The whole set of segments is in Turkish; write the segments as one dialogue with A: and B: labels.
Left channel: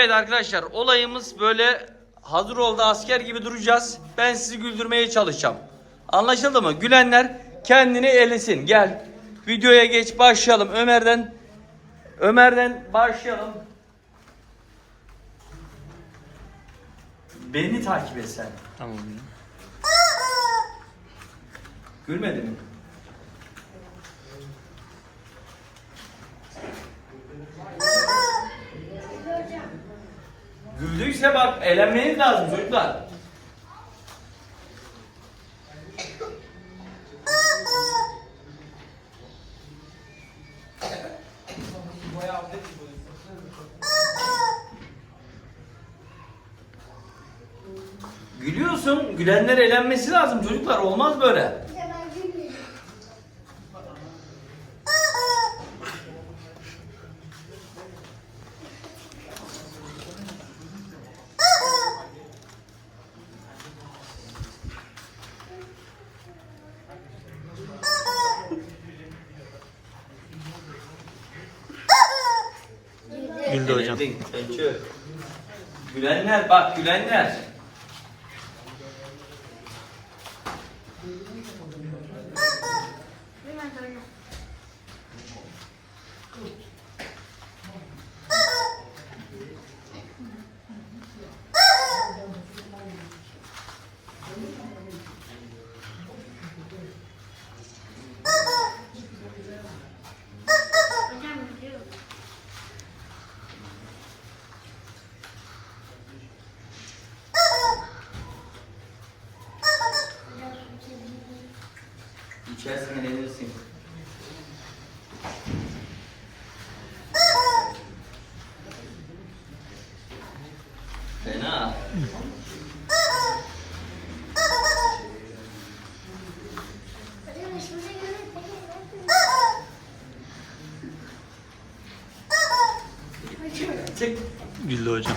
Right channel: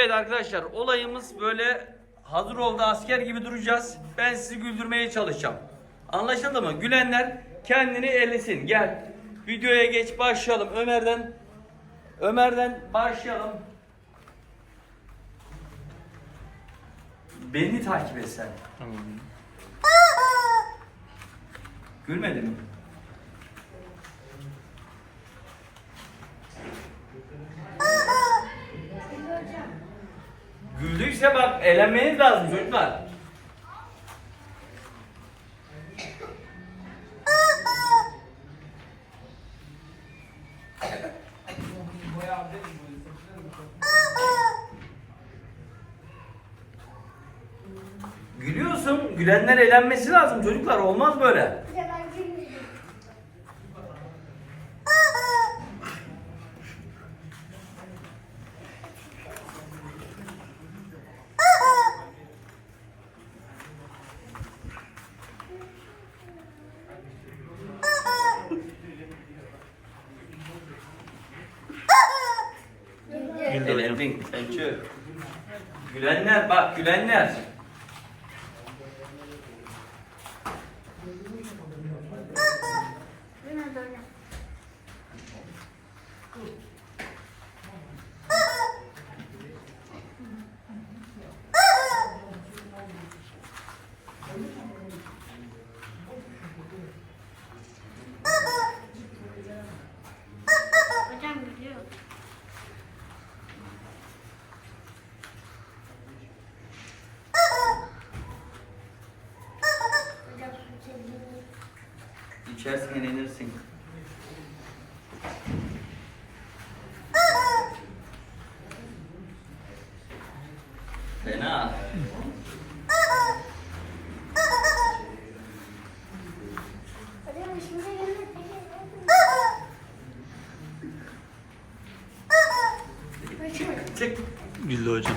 A: Evet arkadaşlar olayımız böyle hazır oldu asker gibi duracağız. Ben sizi güldürmeye çalışacağım. Anlaşıldı mı? Gülenler kendini elesin. Gel. Videoya geç başlayalım. Ömer'den Ömer'den başlayalım. Beni takip et sen. Tamam. Gülmedi mi? Güldüyse bak eğlenmeniz lazım çocuklar. Gülüyorsun. Gülenler eğlenmesi lazım çocuklar. Olmaz böyle. Hocam. Gülenler bak gülenler. İçersin eğlenirsin. Fena. Güldü hocam.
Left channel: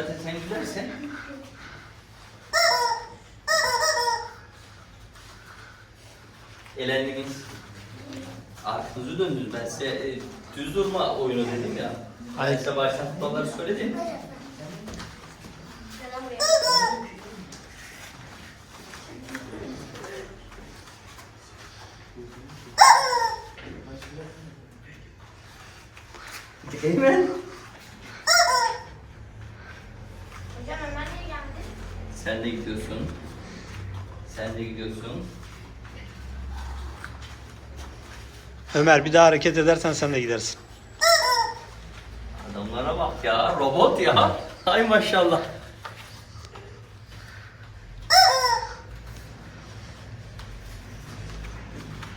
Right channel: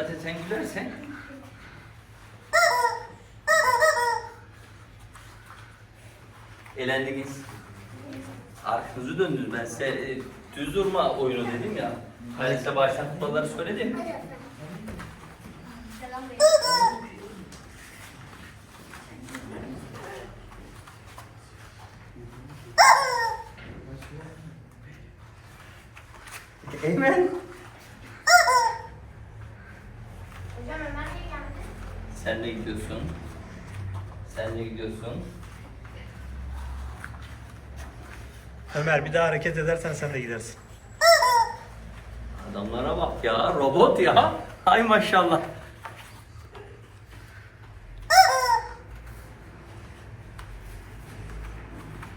A: Zaten sen gülersen. Elendiniz. Arkanızı döndünüz. Ben size e, düz durma oyunu dedim ya. Ben size başlatmaları söyledim. Eymen. Hocam Ömer niye geldi? Sen de gidiyorsun. Sen de gidiyorsun.
B: Ömer bir daha hareket edersen sen de gidersin.
A: Adamlara bak ya. Robot ya. Hay maşallah.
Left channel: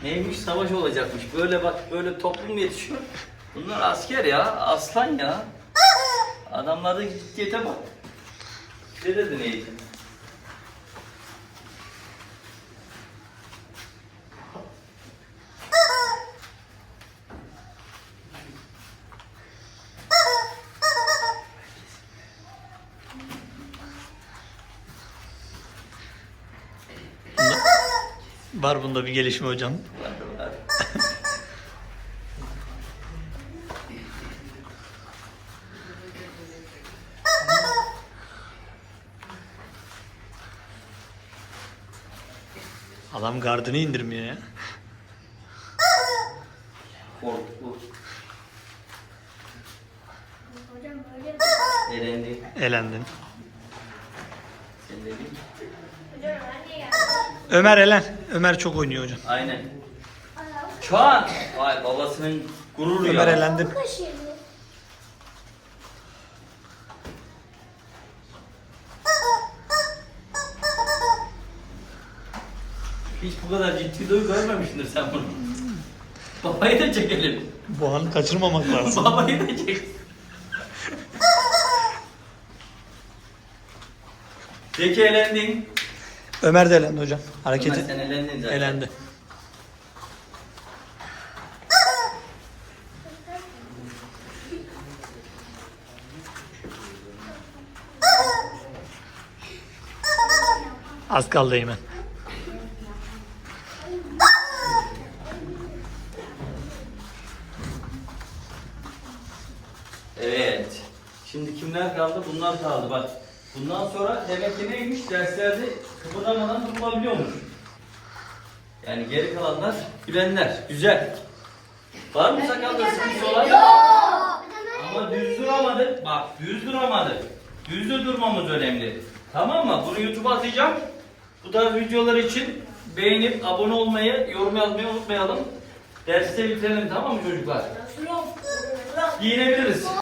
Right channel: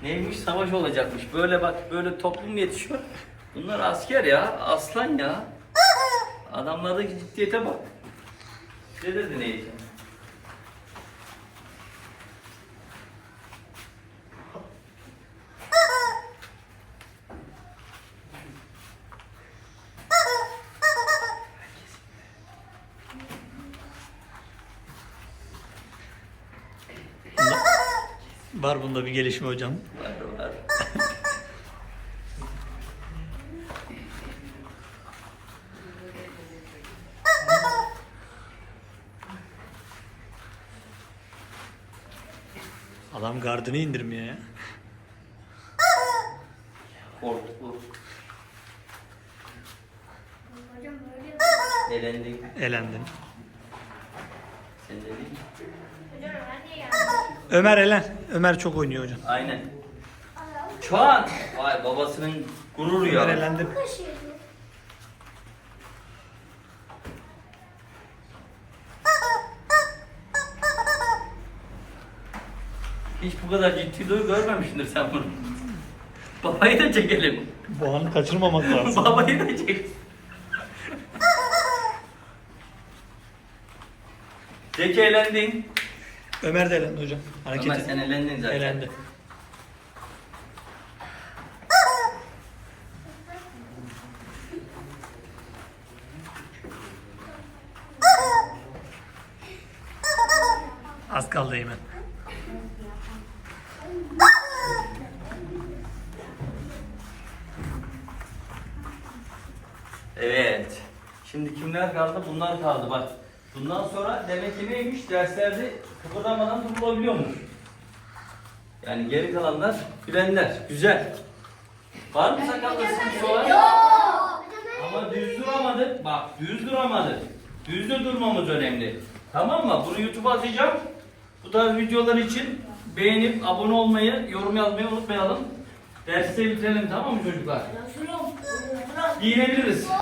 A: Neymiş savaş olacakmış. Böyle bak böyle toplum yetişiyor. Bunlar asker ya. Aslan ya. Adamlardaki ciddiyete bak. Ne dedi neydi?
B: Bunda, var bunda bir gelişme hocam. Var var. Adam gardını indirmiyor ya. Korktu. Elendin. Niye geldi? Ömer elen. Ömer çok oynuyor hocam.
A: Aynen. Şu an vay babasının gururu Ömer ya. elendi. Hiç bu kadar ciddi duygu görmemişsindir sen bunu. Babayı da çekelim.
B: Bu anı kaçırmamak lazım. Babayı da çek.
A: Zeki elendin.
B: Ömer de elendi hocam. Ömer Hareketi
A: sen elendin zaten.
B: elendi. Az kaldı Eymen.
A: Evet. Şimdi kimler kaldı? Bunlar kaldı bak. Bundan sonra demek ki neymiş? Derslerde kıpırdamadan durulabiliyormuş. Yani geri kalanlar bilenler. Güzel. Var mı sakalda sıkıntı olan? Ama düz duramadık. Bak düz duramadık. Düzde durmamız önemli. Tamam mı? Bunu YouTube'a atacağım. Bu tarz videolar için beğenip abone olmayı, yorum yazmayı unutmayalım. Derste bitirelim tamam mı çocuklar? Giyinebiliriz.